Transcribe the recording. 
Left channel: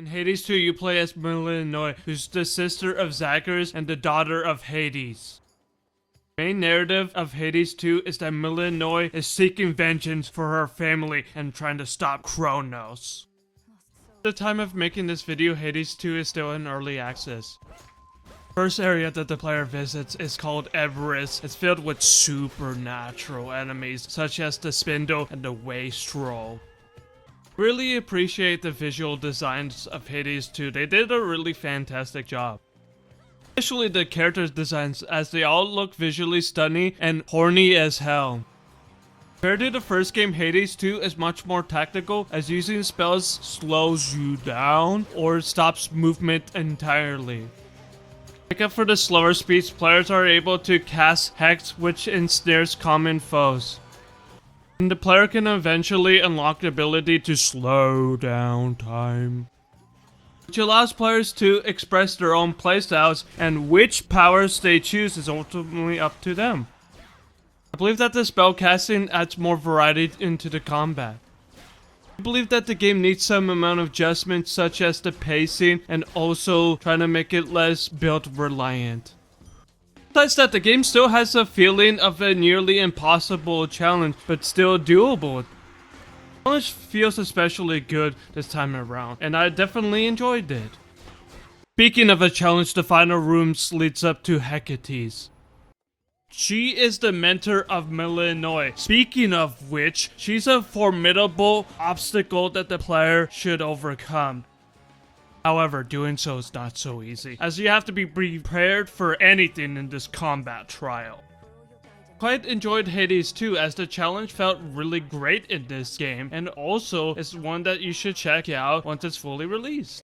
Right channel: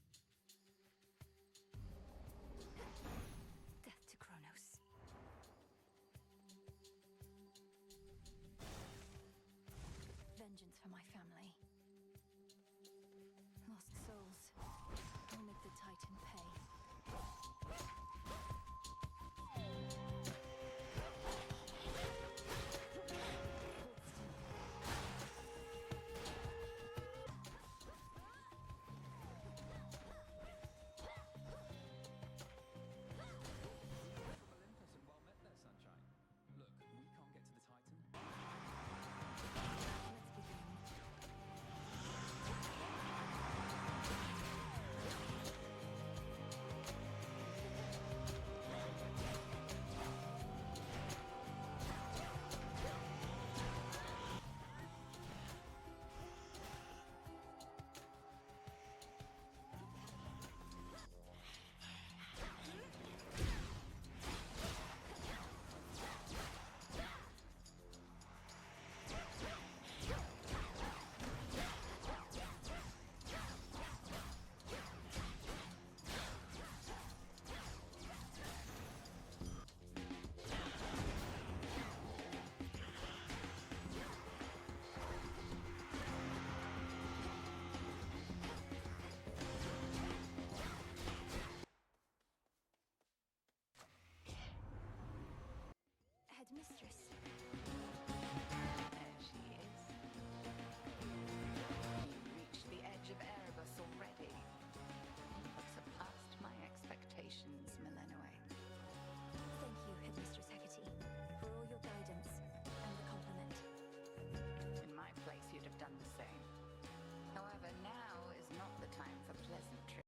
In Hades 2, you play as Melinoe, who's the sister of Zagreus and the daughter of Hades. The main narrative of Hades 2 is that Melinoe is seeking vengeance for her family and trying to stop Kronos. At the time of making this video, Hades 2 is still in early access. First area that the player visits is called Everest. It's filled with supernatural enemies such as the Spindle and the Wastrel. Really appreciate the visual designs of Hades 2. They did a really fantastic job. Especially the character designs, as they all look visually stunning and horny as hell. Compared to the first game, Hades 2 is much more tactical, as using spells slows you down or stops movement entirely. Make up for the slower speeds, players are able to cast Hex, which ensnares common foes. And the player can eventually unlock the ability to slow down time, which allows players to express their own playstyles, and which powers they choose is ultimately up to them. I believe that the spell casting adds more variety into the combat. I believe that the game needs some amount of adjustments, such as the pacing and also trying to make it less build reliant. Besides that, the game still has a feeling of a nearly impossible challenge, but still doable. The challenge feels especially good this time around, and I definitely enjoyed it. Speaking of a challenge, the final room leads up to Hecates. She is the mentor of Melinoe. Speaking of which, she's a formidable obstacle that the player should overcome. However, doing so is not so easy, as you have to be prepared for anything in this combat trial. Quite enjoyed Hades 2, as the challenge felt really great in this game, and also is one that you should check out once it's fully released.